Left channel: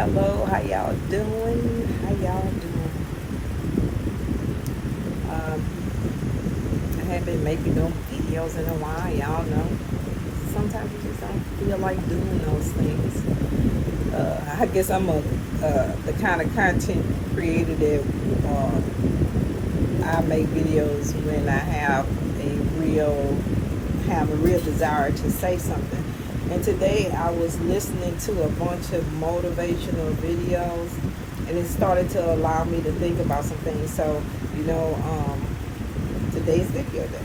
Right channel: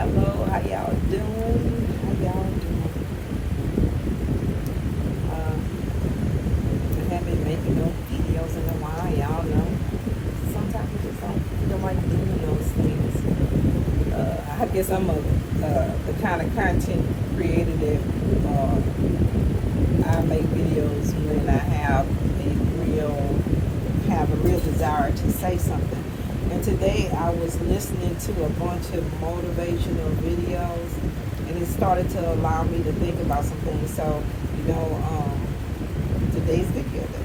hello. How y'all doing? How y'all doing? Um, I haven't been making no videos in a while. Y'all know. Sometimes you just don't feel like doing those things. I guess I'm the kind of content creator that I make videos when I have a real desire to say something. And today I was listening to a bunch of motivational videos, and it started to allow me to think about some things. So, today's video day.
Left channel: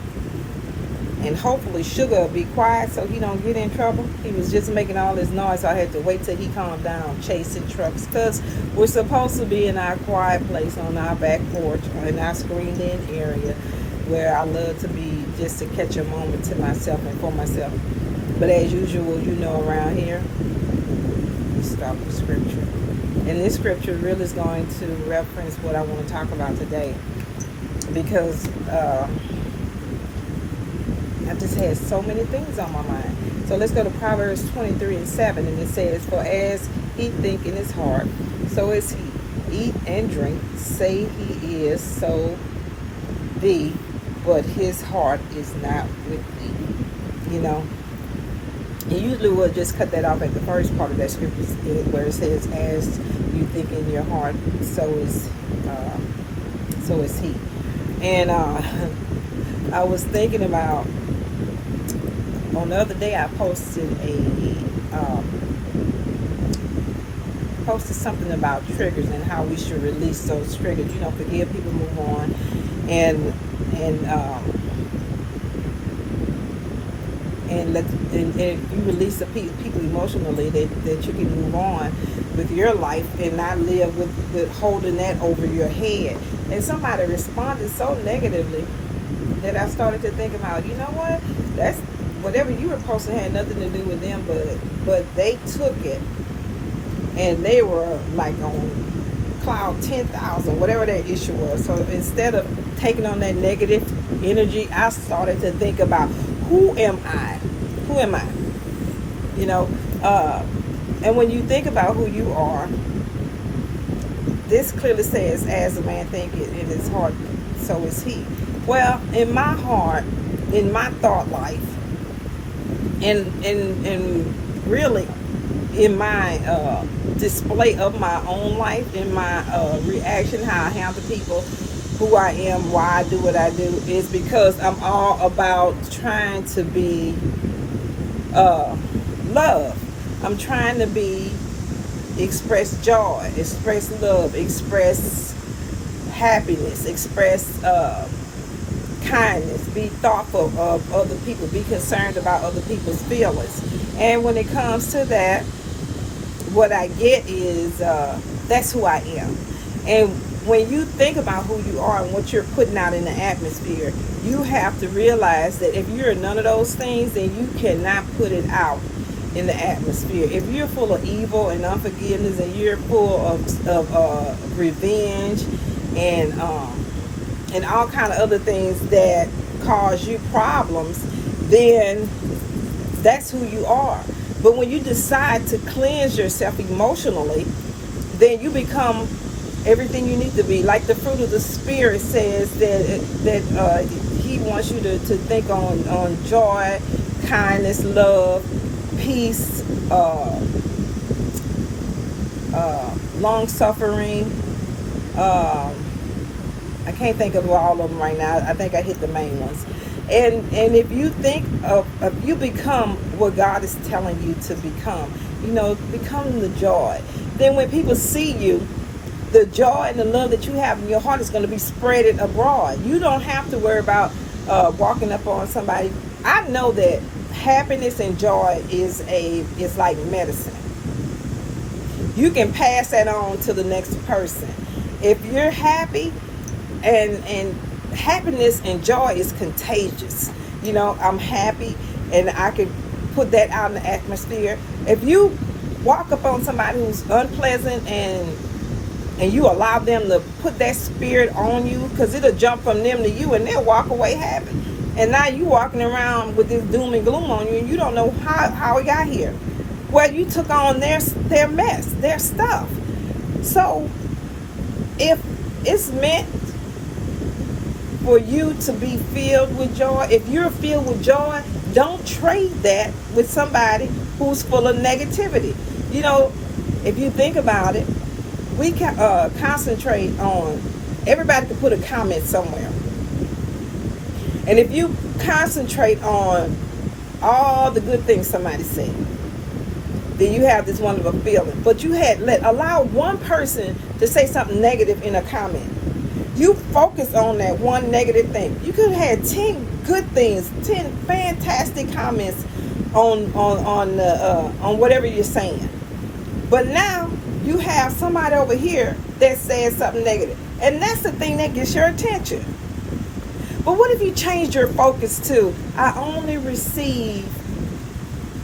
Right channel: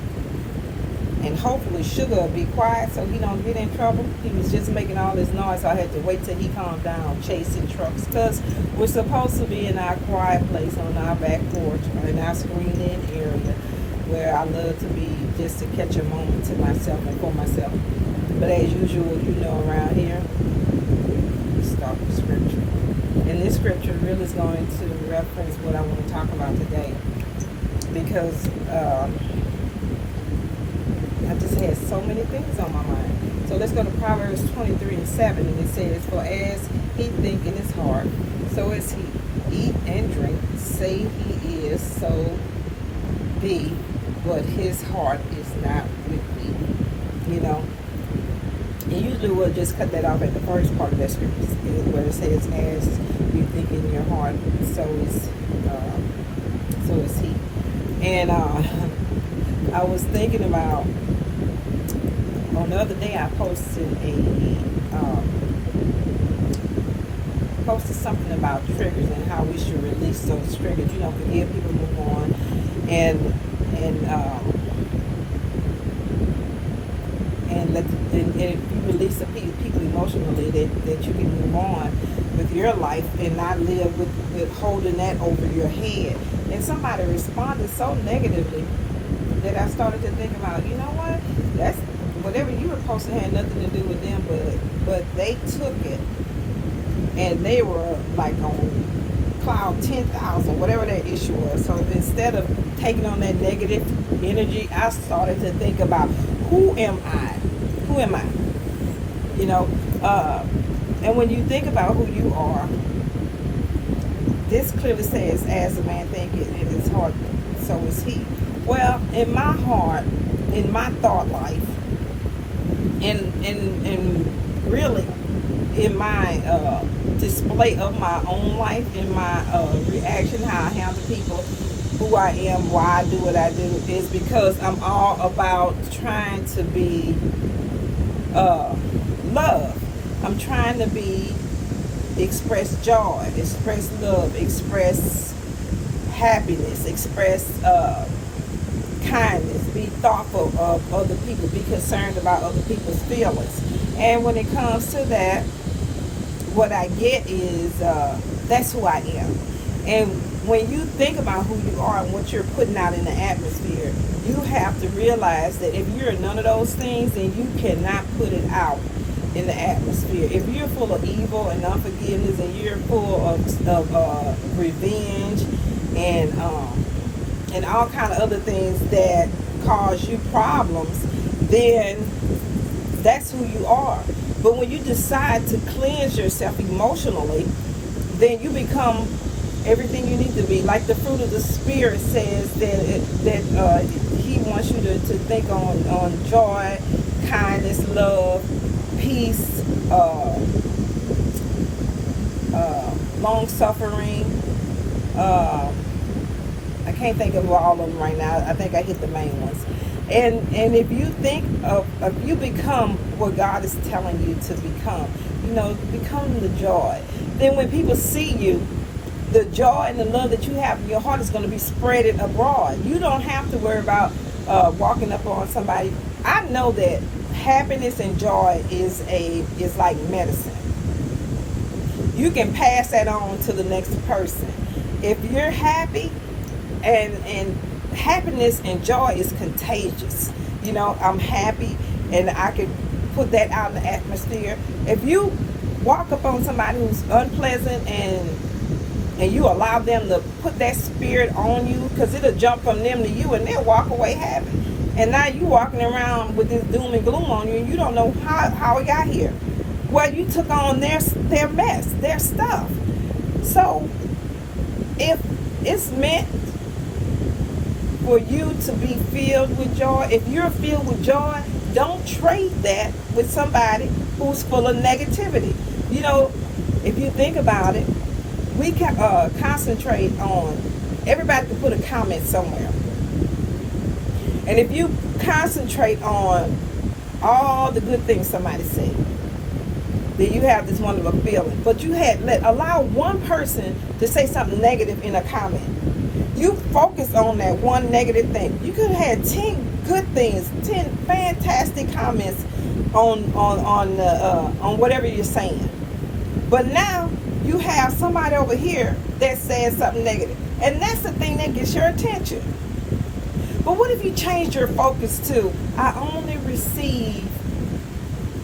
And hopefully Sugar will be quiet so he don't get in trouble. He was just making all this noise, so I had to wait till he calmed down chasing trucks. Because we're supposed to be in our quiet place on our back porch, in our screened-in area, where I love to be, just to catch a moment to myself and for myself. But as usual, around here, we start with scripture. And this scripture really is going to reference what I want to talk about today. Because I just had so many things on my mind. So let's go to Proverbs 23:7, and it says, "For as he think in his heart, so is he. Eat and drink, say he is, so be, but his heart is not with you." And usually we'll just cut that off at the first part of that scripture, where it says, "As you think in your heart, so is he." And I was thinking about, on the other day I posted something about triggers and how we should release those triggers. Forgive people, move on, and if you release the people emotionally, that you can move on with your life and not live with holding that over your head. And somebody responded so negatively that I started to think about, you know what? That's whatever you were posting had nothing to do with them, but they took it and they were like on cloud 10,000, whatever that issue was. So instead of taking on that negative energy, I started to think about, who am I? Who am I? And when you think about who you are, this clearly says, "As a man thinketh in his heart, so is he." Well, in my heart, in my thought life, and really in my display of my own life, in my reaction, how I handle people, who I am, why I do what I do, is because I'm all about trying to be love. I'm trying to express joy, express love, express happiness, express kindness, be thoughtful of other people, be concerned about other people's feelings. And when it comes to that, what I get is that's who I am. And when you think about who you are and what you're putting out in the atmosphere, you have to realize that if you're none of those things, then you cannot put it out in the atmosphere. If you're full of evil and unforgiveness, and you're full of revenge and all kind of other things that cause you problems, then that's who you are. But when you decide to cleanse yourself emotionally, then you become everything you need to be. Like the fruit of the Spirit says that he wants you to think on joy, kindness, love, peace, long suffering. I can't think of all of them right now. I think I hit the main ones. And if you think if you become what God is telling you to become, become the joy. Then when people see you, the joy and the love that you have in your heart is going to be spread abroad. You don't have to worry about walking up on somebody. I know that happiness and joy is like medicine. You can pass that on to the next person. If you're happy, and happiness and joy is contagious. I'm happy, and I can put that out in the atmosphere. If you walk up on somebody who's unpleasant and you allow them to put that spirit on you, because it'll jump from them to you and they'll walk away happy. And now you walking around with this doom and gloom on you, and you don't know how it got here. Well, you took on their mess, their stuff. So if it's meant for you to be filled with joy, if you're filled with joy, don't trade that with somebody who's full of negativity. You know, if you think about it, we can concentrate on, everybody can put a comment somewhere. And if you concentrate on all the good things somebody said, then you have this wonderful feeling. But you allow one person to say something negative in a comment. You focus on that one negative thing. You could have had 10 good things, 10 fantastic comments on whatever you're saying. But now you have somebody over here that says something negative. And that's the thing that gets your attention. But what if you change your focus to, I only receive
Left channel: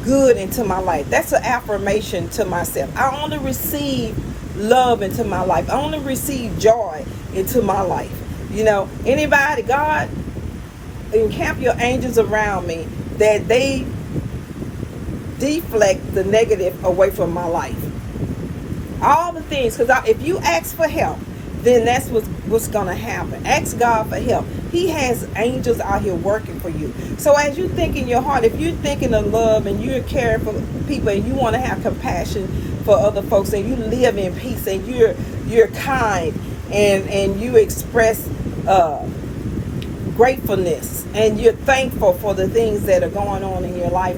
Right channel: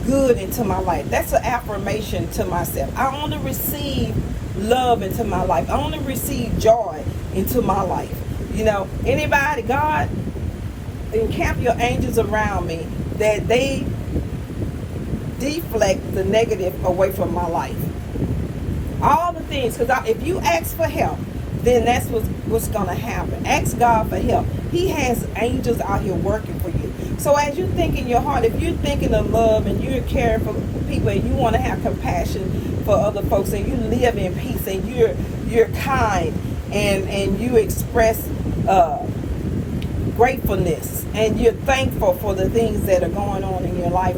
good into my life? That's an affirmation to myself. I only receive love into my life. I only receive joy into my life. You know, anybody, God, encamp your angels around me that they deflect the negative away from my life. All the things, because if you ask for help, then that's what's going to happen. Ask God for help. He has angels out here working for you. So as you think in your heart, if you're thinking of love and you're caring for people and you want to have compassion for other folks and you live in peace and you're kind and you express gratefulness and you're thankful for the things that are going on in your life,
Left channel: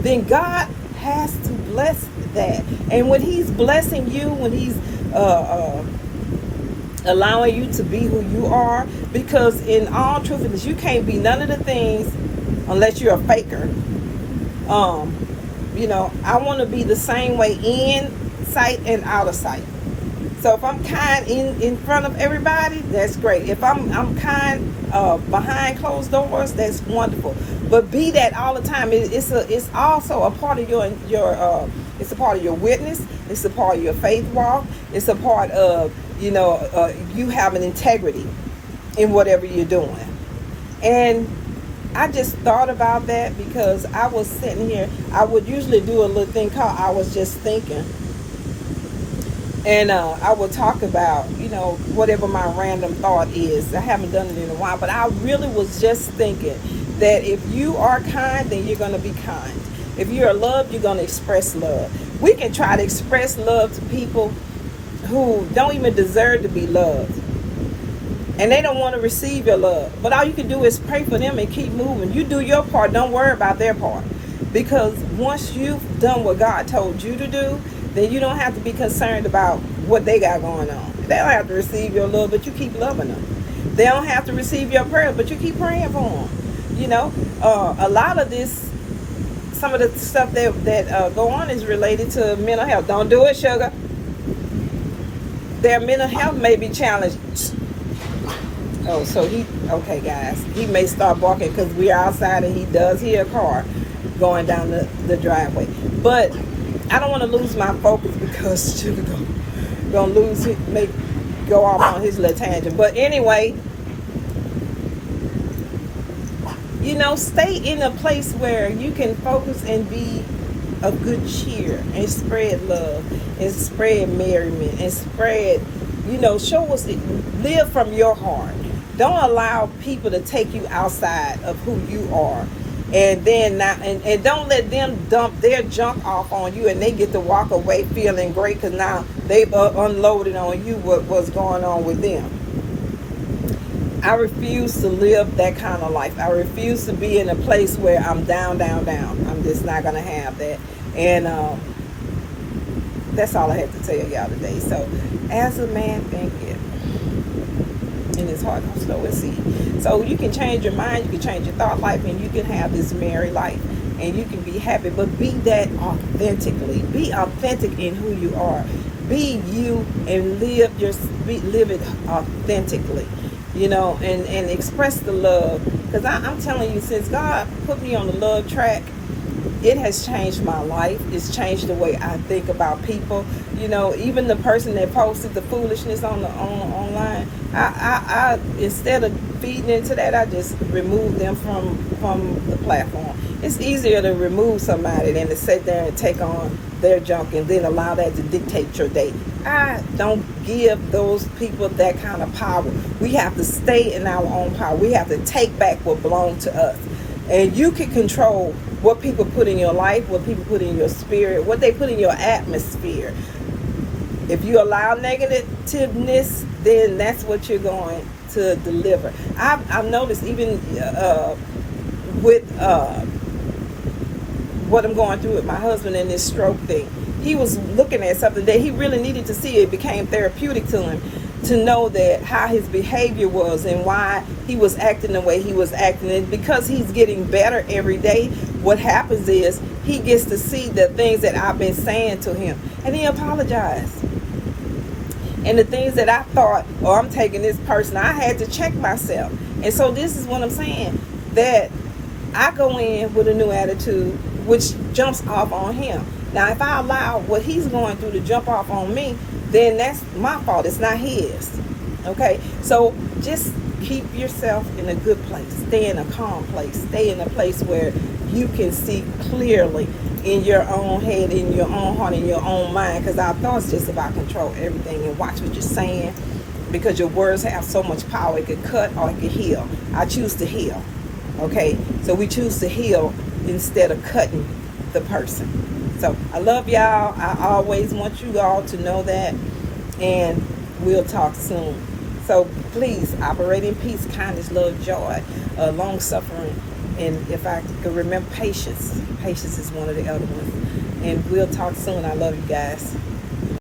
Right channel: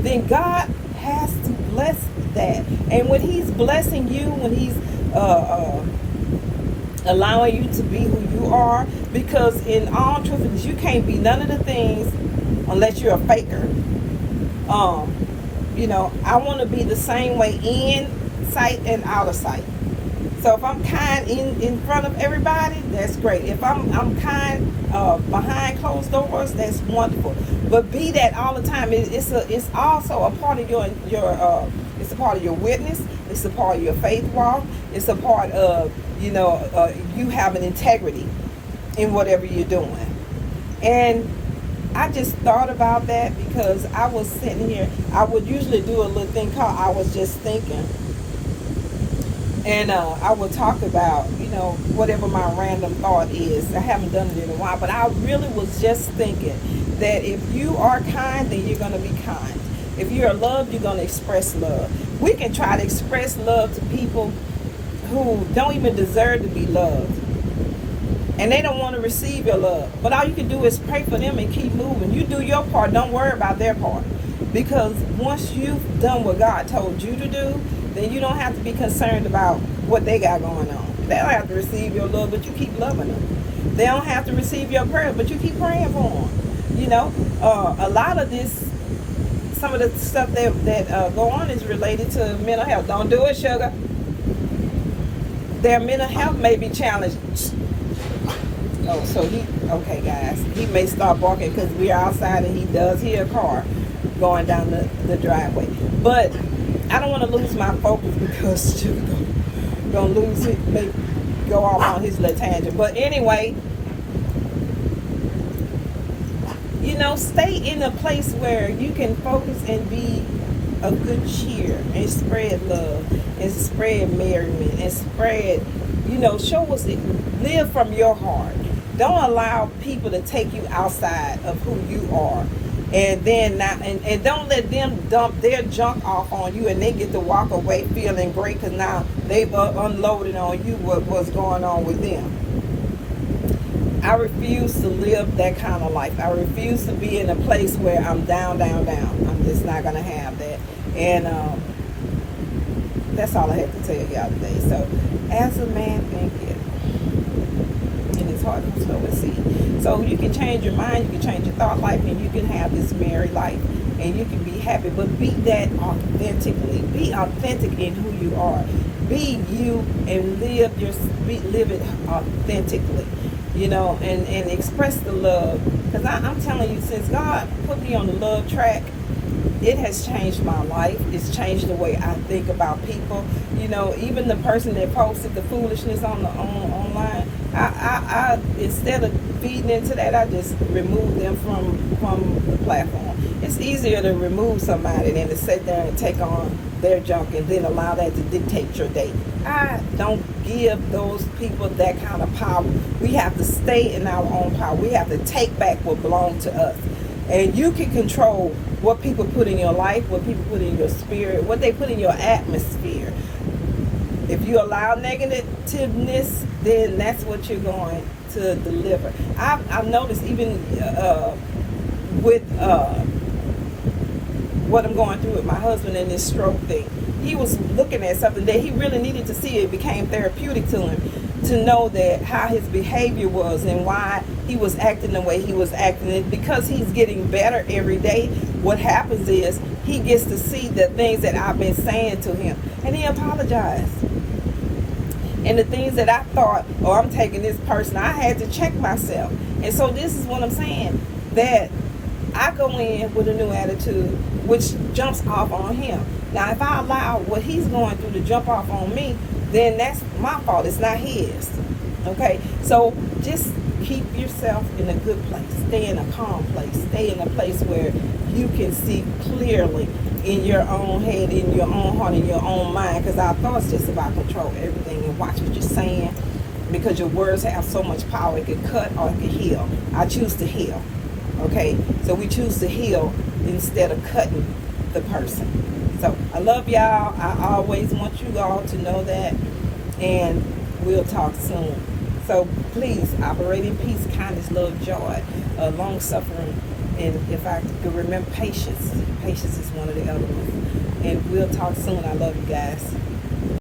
then God has to bless that. And when He's blessing you, when He's allowing you to be who you are, because in all truthfulness, you can't be none of the things unless you're a faker. You know, I want to be the same way in sight and out of sight. So if I'm kind in front of everybody, that's great. If I'm kind behind closed doors, that's wonderful. But be that all the time. It's also a part of your it's a part of your witness. It's a part of your faith walk. It's a part of you having integrity in whatever you're doing. And I just thought about that because I was sitting here. I would usually do a little thing called I was just thinking. And I will talk about, whatever my random thought is. I haven't done it in a while, but I really was just thinking that if you are kind, then you're going to be kind. If you're loved, you're going to express love. We can try to express love to people who don't even deserve to be loved. And they don't want to receive your love. But all you can do is pray for them and keep moving. You do your part. Don't worry about their part. Because once you've done what God told you to do, then you don't have to be concerned about what they got going on. They don't have to receive your love, but you keep loving them. They don't have to receive your prayer, but you keep praying for them. A lot of this, some of the stuff that go on is related to mental health. Don't do it, sugar. Their mental health may be challenged. Oh, so okay, guys. He may start barking because we're outside and he does hear a car going down the driveway. But I don't want to lose my focus because sugar gonna lose it, go off on his little tangent. But anyway, stay in a place where you can focus and be of good cheer and spread love and spread merriment and spread, show us, live from your heart. Don't allow people to take you outside of who you are. And then and don't let them dump their junk off on you and they get to walk away feeling great because now they've unloaded on you what's going on with them. I refuse to live that kind of life. I refuse to be in a place where I'm down. I'm just not going to have that. And that's all I have to tell y'all today. So, as a man thinketh in his heart, so is he. So you can change your mind, you can change your thought life, and you can have this merry life, and you can be happy. But be that authentically. Be authentic in who you are. Be you and live it authentically. And express the love. Because I'm telling you, since God put me on the love track, it has changed my life. It's changed the way I think about people. Even the person that posted the foolishness online, I instead of feeding into that, I just remove them from the platform. It's easier to remove somebody than to sit there and take on their junk and then allow that to dictate your day. I don't give those people that kind of power. We have to stay in our own power. We have to take back what belongs to us. And you can control what people put in your life, what people put in your spirit, what they put in your atmosphere. If you allow negativeness, then that's what you're going to deliver. I've noticed even with what I'm going through with my husband and this stroke thing. He was looking at something that he really needed to see. It became therapeutic to him to know that how his behavior was and why he was acting the way he was acting. And because he's getting better every day, what happens is he gets to see the things that I've been saying to him, and he apologized. And the things that I thought, oh, I'm taking this person, I had to check myself. And so this is what I'm saying, that I go in with a new attitude, which jumps off on him. Now, if I allow what he's going through to jump off on me, then that's my fault. It's not his. Okay? So just keep yourself in a good place. Stay in a calm place. Stay in a place where you can see clearly in your own head, in your own heart, in your own mind. Because our thoughts just about control everything. And watch what you're saying. Because your words have so much power. It could cut or it could heal. I choose to heal. Okay? So we choose to heal instead of cutting the person. So I love y'all. I always want you all to know that. And we'll talk soon. So please operate in peace, kindness, love, joy, long suffering. And if I could remember patience. Patience is one of the other ones. And we'll talk soon. I love you guys.